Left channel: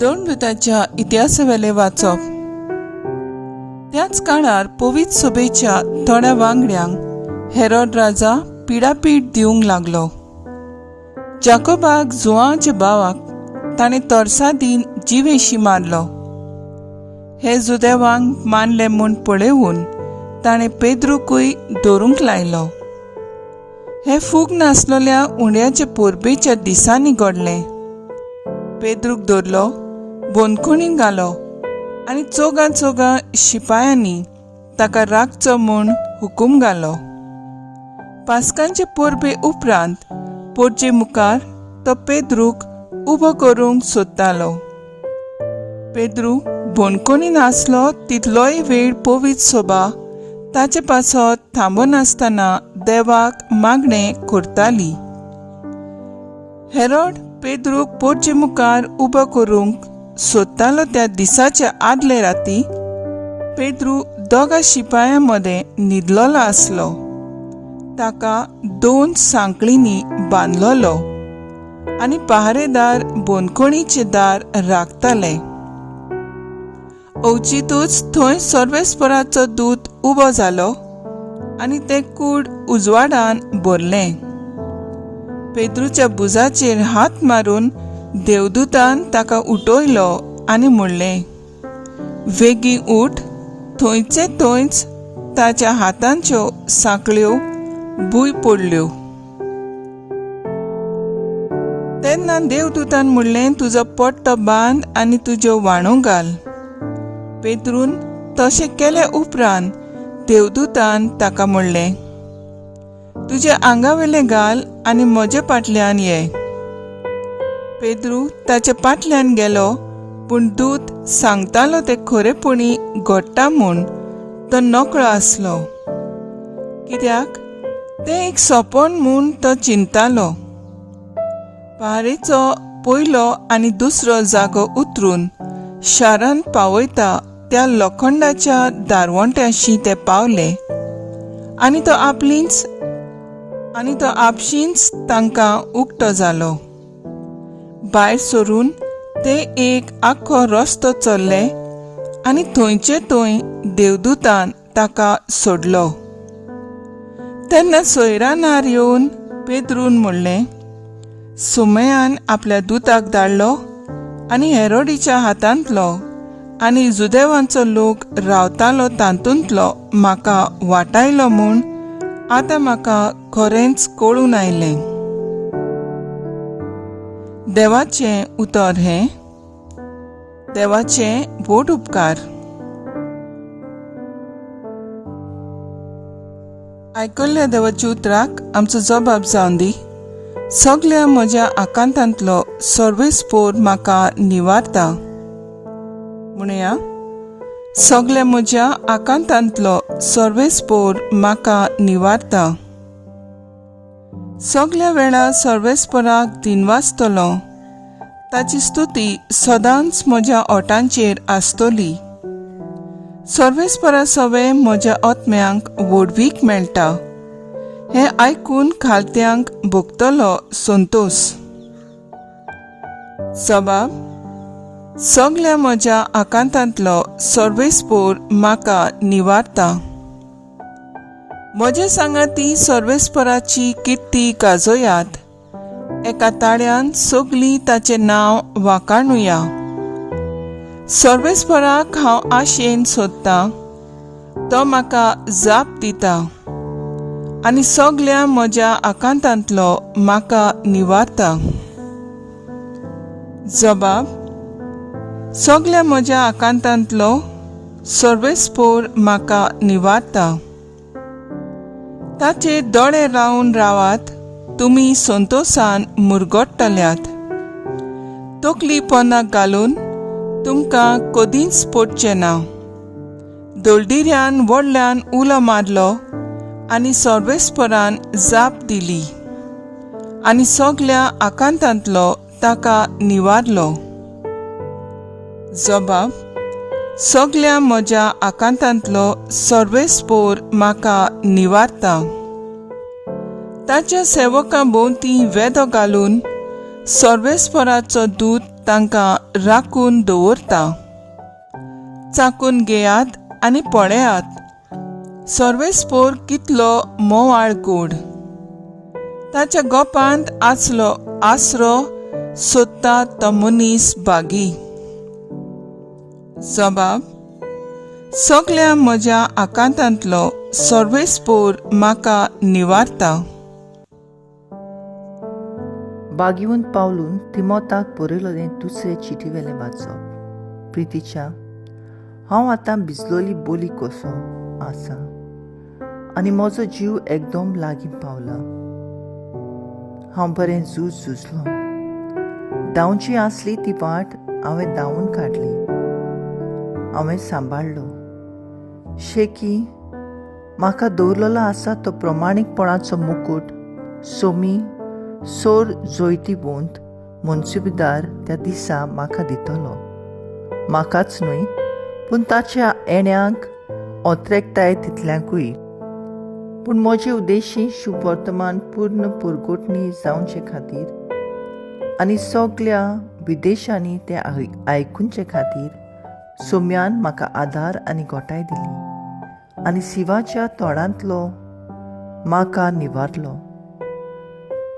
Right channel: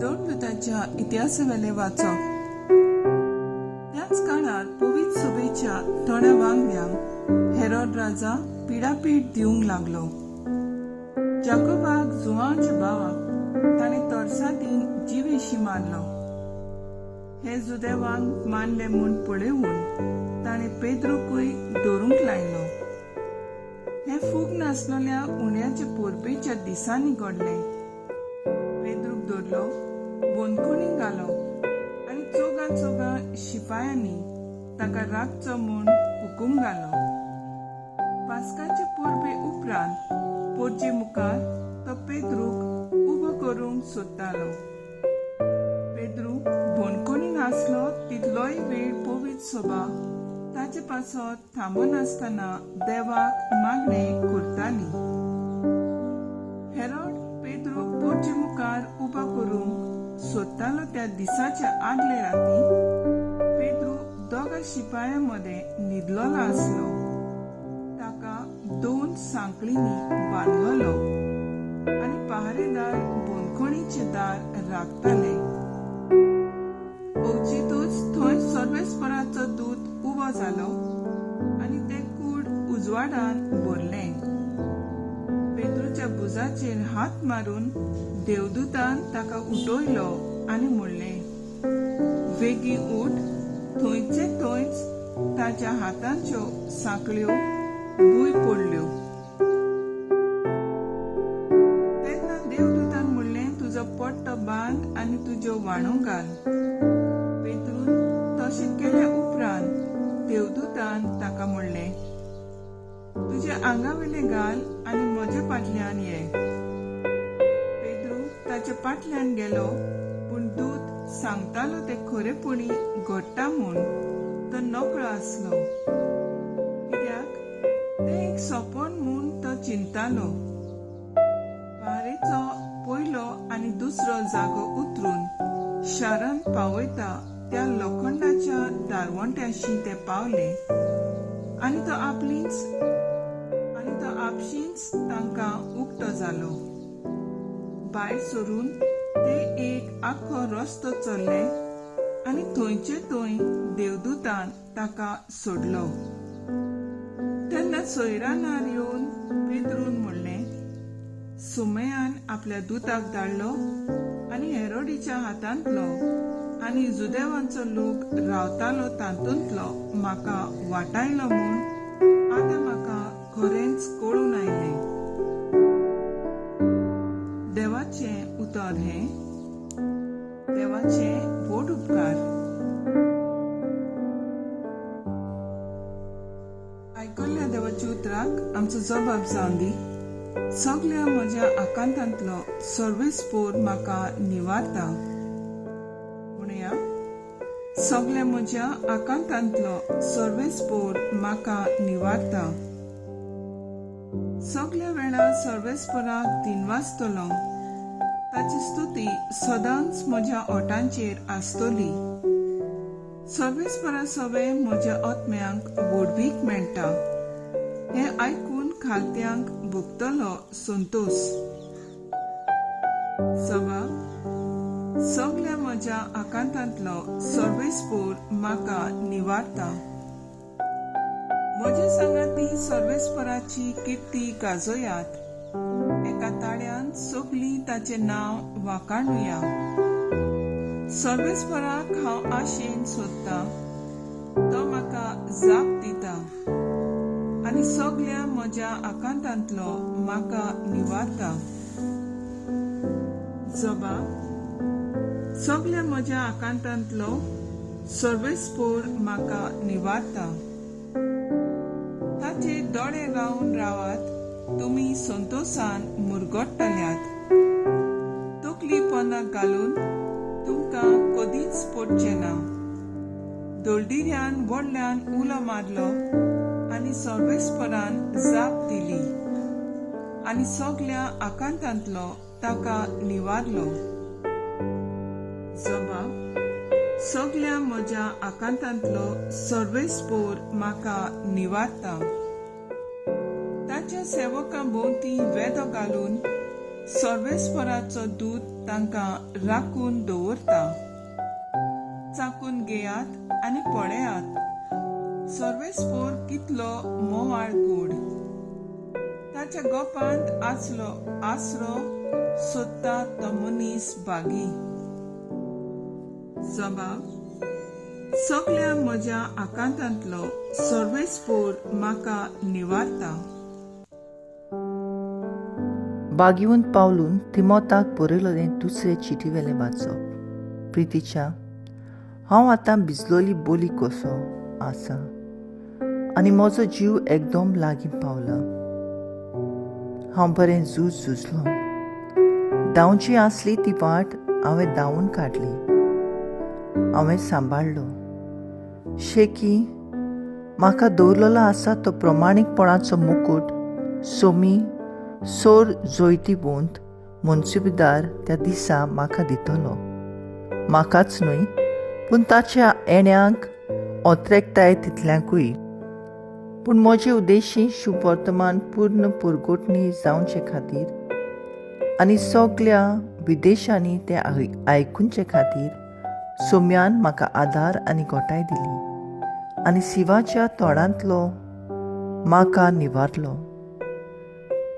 दोन दुतांच्या इतिहासावेले वाचप। त्याच काळार पवित्र सभेच्या थोड्या वांगड्यांक हेरोद राजा पिडापीड दिवंक लागलो। जाकोबाक जुआंच्या भावाक ताणें तोर्सा दिन जिवेशी मारलो। हे जुदेवांक मारले म्हूण पळयून ताणें पेद्रूकूय दवरूंक लायलो। हे फूग नासलोल्या उंड्याचे पोरबेच्या दिसांनी घडलें। पेद्रूक धरलो, बोनकुणीक घालो आनी चोगा शिपायांनी ताका राखचो म्हूण हुकूम घालो। पास्कांचे पोरबे उपरांत पोरचे मुखार तो पेद्रूक उबो करूंक सोदतालो। पेद्रूक बोनकुणीन आसलो तितलोय वेळ पवित्र सभा ताचे पासत थांबनासतना देवाक मागणें करताली। हेरोद पेद्रूक पोरचे मुखार उबो करूंक सोदतालो त्या दिसाच्या आदले राती पेद्रू दोगा शिपायां मदें न्हिदलोलो आसलो। ताका 2 सांकळींनी बांदलोलो आनी पहारेदार बोनकुणीचें दार राखताले। अवचितूच थंय सर्वेस्पराचो दूत उबो जालो आनी तें कूड उजवाडान भरलें। पेद्रूच्या बुजाचेर हात मारून देवदूतान ताका उठयलो आनी म्हणलें, वेगीं उठ। थंयचे थंयच ताच्या हातांच्यो सांकळ्यो भूंय पडल्यो। तेन्ना देवदूतान म्हणलें, तुजो पट्टो बांद आनी तुज्यो वाणो घाल। पेद्रून तशें केले उपरांत देवदूतान ताका म्हणलें, तुजे आंगावेले घाल आनी म्हजे फाटल्यान ये। पेद्रू ताचे फाटल्यान गेलो, पूण दूत सांगतालो ते खरेपणी घडटा म्हूण तो नकळो आसलो, कित्याक तें एक सोपण म्हूण तो चिंतालो। पहारेचो पयलो आनी दुसरो जागो उतरून शारान पावयता त्या लोखंडाच्या दारवंट्याशी ते पावले आनी तो आपशींच तांकां उक्तो जालो। भायर सरून ते एक आख्खो रस्तो चल्ले आनी थंयचे थंय देवदूतान ताका सोडलो। तेन्ना सोयरानार येवन पेद्रून म्हणलें, सुमयान आपल्या दूताक धाडलो आनी हेरोदीच्या हातांतलो आनी जुदेवांचो लोक रावतालो तातूंतलो म्हाका वाटायलो म्हूण आतां म्हाका खरेंच कळून आयलें। देवाचें उतर हें। देवाचे व्हड उपकार। आयकल्ल्या देवाच्या उतराक आमचो जबाब जावन दी। सगळ्या म्हज्या आकांतांतलो सर्वेस्पोर म्हाका निवारता। म्हणुया, सगळ्या म्हज्या आकांतांतलो सर्वेस्पोर म्हाका निवारता। सगळ्या वेळा सर्वेस्पराक दिनवासतलो, ताची स्तुती सदांच म्हज्या ओठांचेर आसतली। सर्वेस्परा सवे म्हज्या आत्म्यांक व्हडवीक मेळटा। हें आयकून खालत्यांक भोगतलो संतोष। जबाब, सगळ्या म्हज्या आकांतांतलो सर्वेस्पोर म्हाका निवारता। म्हजे सांगाती सर्वेस्पराची किर्ती गाजोयात। एका ताळ्यान सगळीं ताचें नांव वाखाणुया। सर्वेस्पराक हांव आशेन सोदतां, तो म्हाका जाप दिता आनी सगळ्या म्हज्या आकांतांतलो म्हाका निवारता। जबाब, सगळ्या म्हज्या आकांतांतलो सर्वेस्पोर म्हाका निवारता। ताचे दोळे रावन रावात, तुमी संतोषान मुरगोडटल्यात। तकली पोंदाक घालून तुमकां कदींच पडचें ना। दोलडिऱ्यान व्हडल्यान उलो मारलो आनी सर्वेस्परान जाप दिली आनी सगळ्या आकांतांतलो ताका निवारलो। जबाब, सगळ्या म्हज्या आकांतांतलो सर्वेस्पोर म्हाका निवारता। ताच्या सेवकां भोवतीं वेदो घालून सर्वेस्पराचो दूत तांकां राखून दवरता. चाकून घेयात आनी पळयात, सर्वेस्पोर कितलो मोवाळ कूड. ताच्या गोपांत आसलो आसरो सोदता तो मनीस बागी. जबाब: सगळ्या म्हज्या आकांतांतलो सर्वेस्पोर म्हाका निवारता. बागीवन पावलून तिमोथाक बरयलोलें दुसरें चिटीवेलें वाचप. प्रितीच्या, हांव आतां भिजलोली बोली कसो आसा आनी म्हजो जीव एकदम लागीं पावला. हांव बरें झुजलो. धांवची आसली ती वाट हांवें धांवन काडली. हांवें सांबाळलो. शेकी, म्हाका दवरलेलो आसा तो प्रमाणीकपणाचो मुकूट सोमी सोर जोयतीबूंत मुन्सिबदार त्या दिसा म्हाका दितलो. म्हाकाच न्हय, पूण ताच्या येण्याक ओत्रेकताय तितल्यांकूय. पूण म्हजे उद्देशी शुभ वर्तमान पूर्ण पुरगोटणी जावचे खातीर आनी सगळ्या विदेशांनी ते आयकुचे खातीर सोम्यान म्हाका आदार आनी घोटाय दिली आनी शिवाच्या तोंडांतलो म्हाका निवारलो.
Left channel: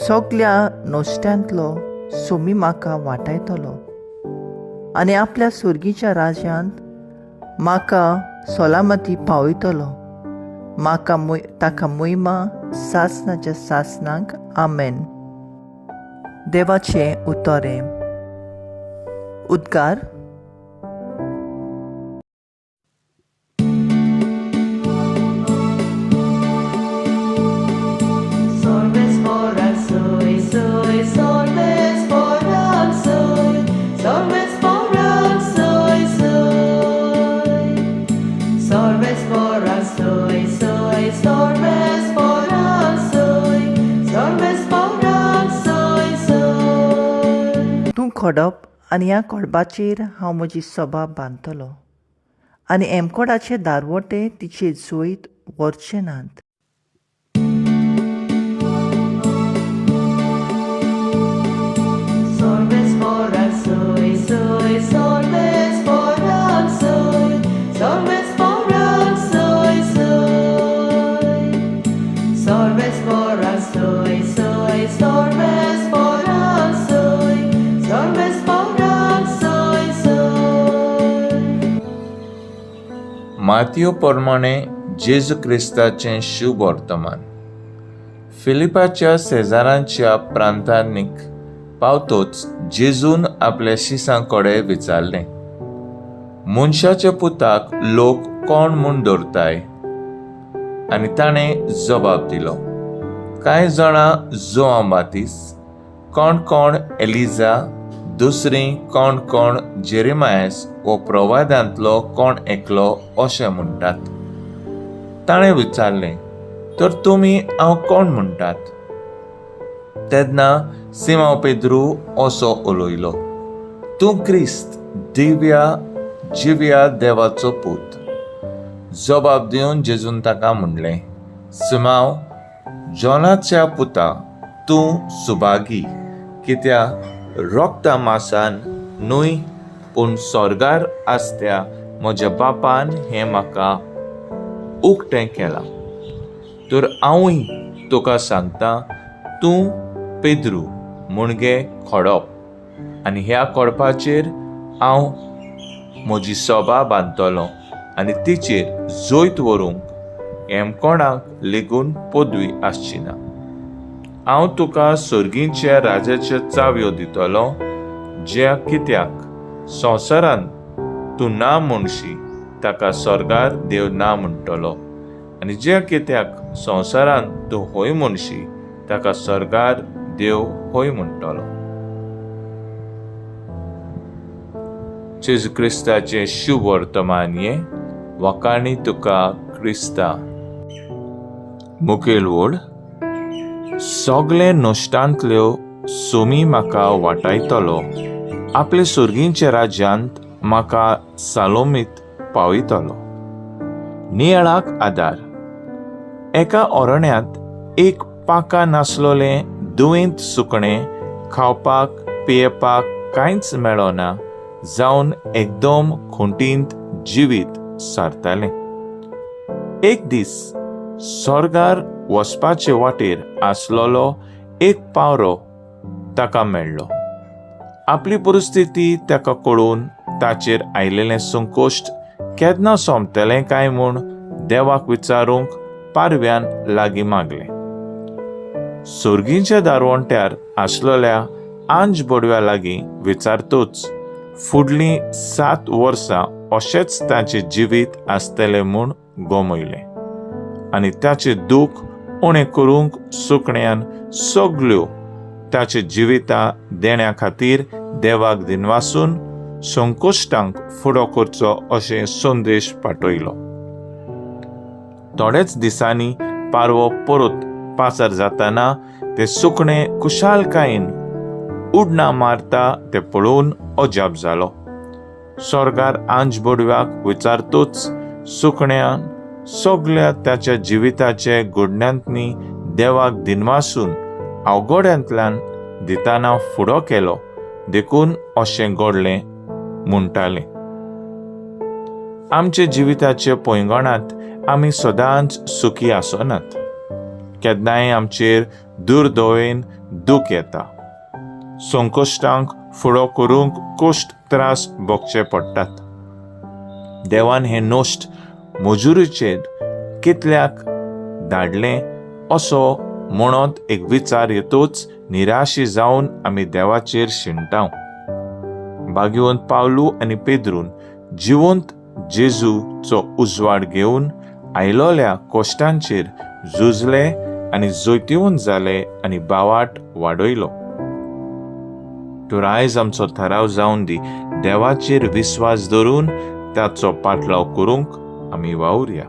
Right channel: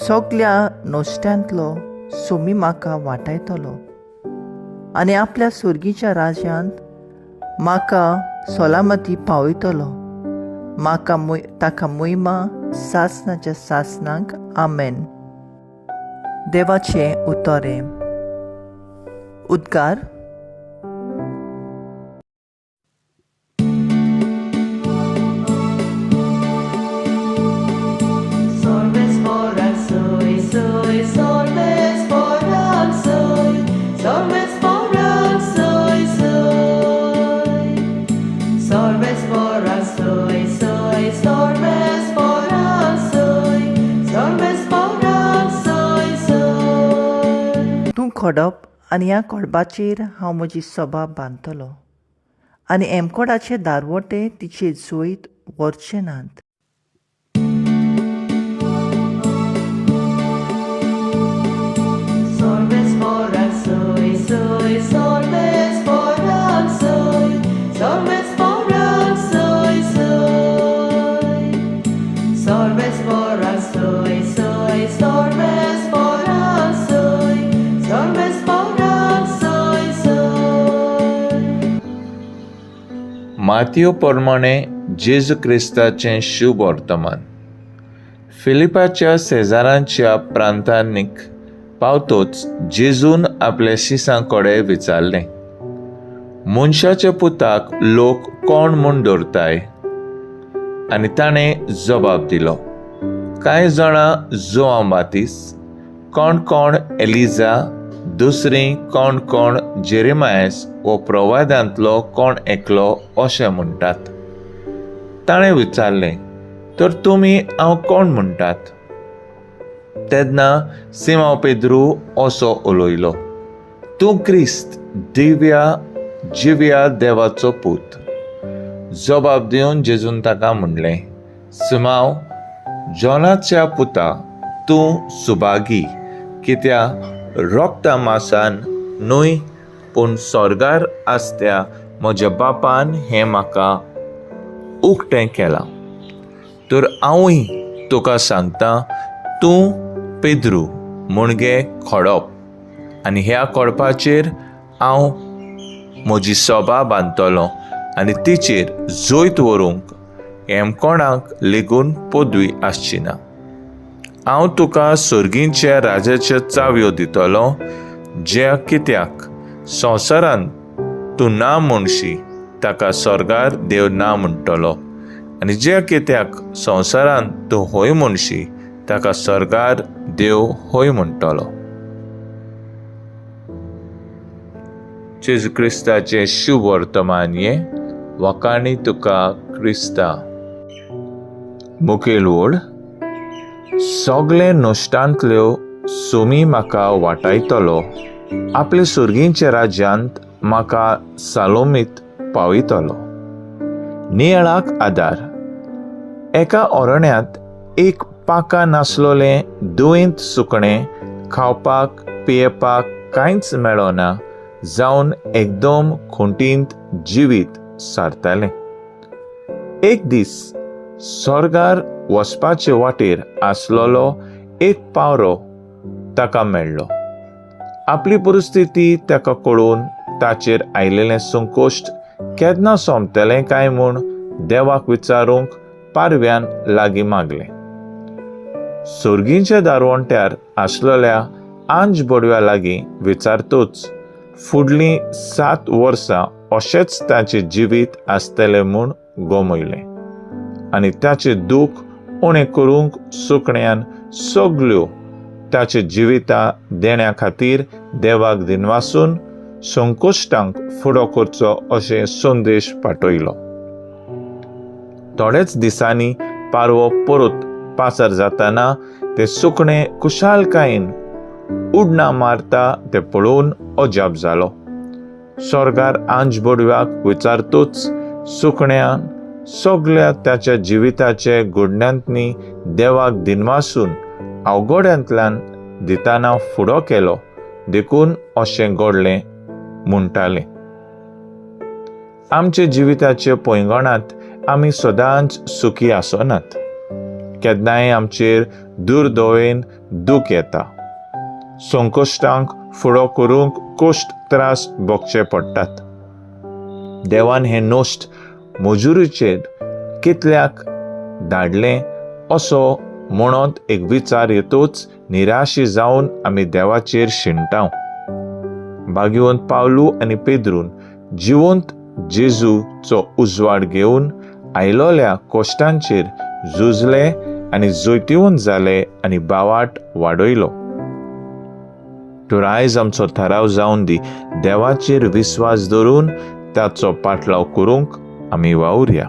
सगळ्या नोश्ट्यांतलो सोमी म्हाका वाटायतलो आनी आपल्या सुर्गीच्या राज्यांत म्हाका सोलामती पावयतलो. म्हाका ताका मोहिमा सासनाच्या सासनाक. आमेन. देवाचें उतोरें. उद्गार. तूं खोडप आनी ह्या खोडपाचेर हांव म्हजी सभा बांदतलो आनी एमकोडाचे दारवटे तिचे जोईत व्हरचे नात. मातयो प्रमाणे जेजू क्रिस्ताचें शुभ वर्तमान. फिलिपाच्या शेजारांच्या प्रांतांनीक पावतोच जेजून आपल्या शिसांकडे विचारलें, मनशाच्या पुताक लोक कोण म्हूण धरताय? आनी ताणें जबाब दिलो, कांय जाणां जोआन बातिस्त, कोण कोण एलिजा, दुसरीं कोण कोण जेरेमायस वो प्रवाद्यांतलो कोण एकलो अशें म्हणटात. ताणें विचारलें, तर तुमी हांव कोण म्हणटात? तेन्ना सिमोन पेद्रू असो उलयलो, तूं क्रिस्त, जिव्या देवाचो पूत. जबाब दिवन जेजून ताका म्हणलें, सिमोन, जोनाच्या पुता, तूं सुभागी, कित्याक रोगता मासान न्हय पूण स्वर्गार आसत्या म्हज्या बापान हें म्हाका उक्तें केलां. तर हांवूय तुका सांगता, तूं पेद्रू मुणगे खोडप आनी ह्या खोडपाचेर हांव म्हजी सभा बांदतलों आनी तिचेर जोयत व्हरूंक कोणाक लेगून पदवी आसची ना. हांव तुका सुर्गींच्या राजाच्यो चावयो दितलो. ज्या कित्याक संवसारांत तूं ना म्हणशी ताका स्वर्गार देव ना म्हणटलो, आनी ज्या कित्याक संवसारांत तूं होय म्हणशी ताका स्वर्गार देव होय म्हणटलो. जेजू क्रिस्ताचें शुभ वर्तमान हे वकाणी तुका क्रिस्ता. मुखेल वड. सगळे नश्टांतल्यो सोमी म्हाका वाटायतलो. आपले सुर्गींच्या राज्यांत म्हाका सालोमीत पावयतलो. नियाळाक आदार. एका अरण्यांत एक पाका नासलोलें दुयेंत सुकणें खावपाक पियेवपाक कांयच मेळना जावन एकदम खुंटींत जिवीत सारतालें. एक दीस स्वर्गार वचपाचे वाटेर आसलोलो एक पावरो ताका मेळ्ळो. आपली परिस्थिती ताका कळून ताचेर आयिल्लें संकोश्ट केन्ना सोंपतलें काय म्हूण देवाक विचारूंक पारव्यान लागीं मागलें. सुर्गीच्या दारवंट्यार आसलेल्या आंज बडव्या लागीं विचारतूच फुडलीं 7 वर्सां अशेंच ताचें जिवीत आसतलें म्हूण गोमयलें आनी ताचें दूख उणें करूंक सुकण्यान सगल्यो ताचे जिविता देण्या खातीर देवाक दिनवासून संकोश्टांक फुडो करचो अशें संदेश पाठयलो. थोडेच दिसांनी पारवो परत पाचार जातना तें सुकणें कुशालकायेन उडणां मारता तें पळोवन अजाप जालो. स्वर्गार आंज बडव्याक विचारतूच सुकण्यान सगळ्या ताच्या जिविताचे घडण्यांतनी देवाक दिनवासून अवघड्यांतल्यान दिताना फुडो केलो देखून अशें घडलें म्हणटालें. आमचे जिविताचे पैंगणांत आमी सदांच सुखी आसनात. केन्नाय आमचेर दुर्दोवेन दूख येता. संकोश्टांक फुडो करूंक कश्ट त्रास भोगचे पडटात. देवान हें नोश्ट मजुरीचेर कितल्याक धाडलें असो म्हणत एक विचार येतूच निराशी जावन आमी देवाचेर शिंटाव. भाग्यवंत पावलू आनी पेद्रून जिवंत जेजूचो उजवाड घेवन आयलोल्या कश्टांचेर झुजले आनी जैतिवंत जाले आनी बावाट वाडयलो. तर आयज आमचो थाराव जावन दी देवाचेर विस्वास दवरून ताचो पाटलाव करूंक आमी वावुरया.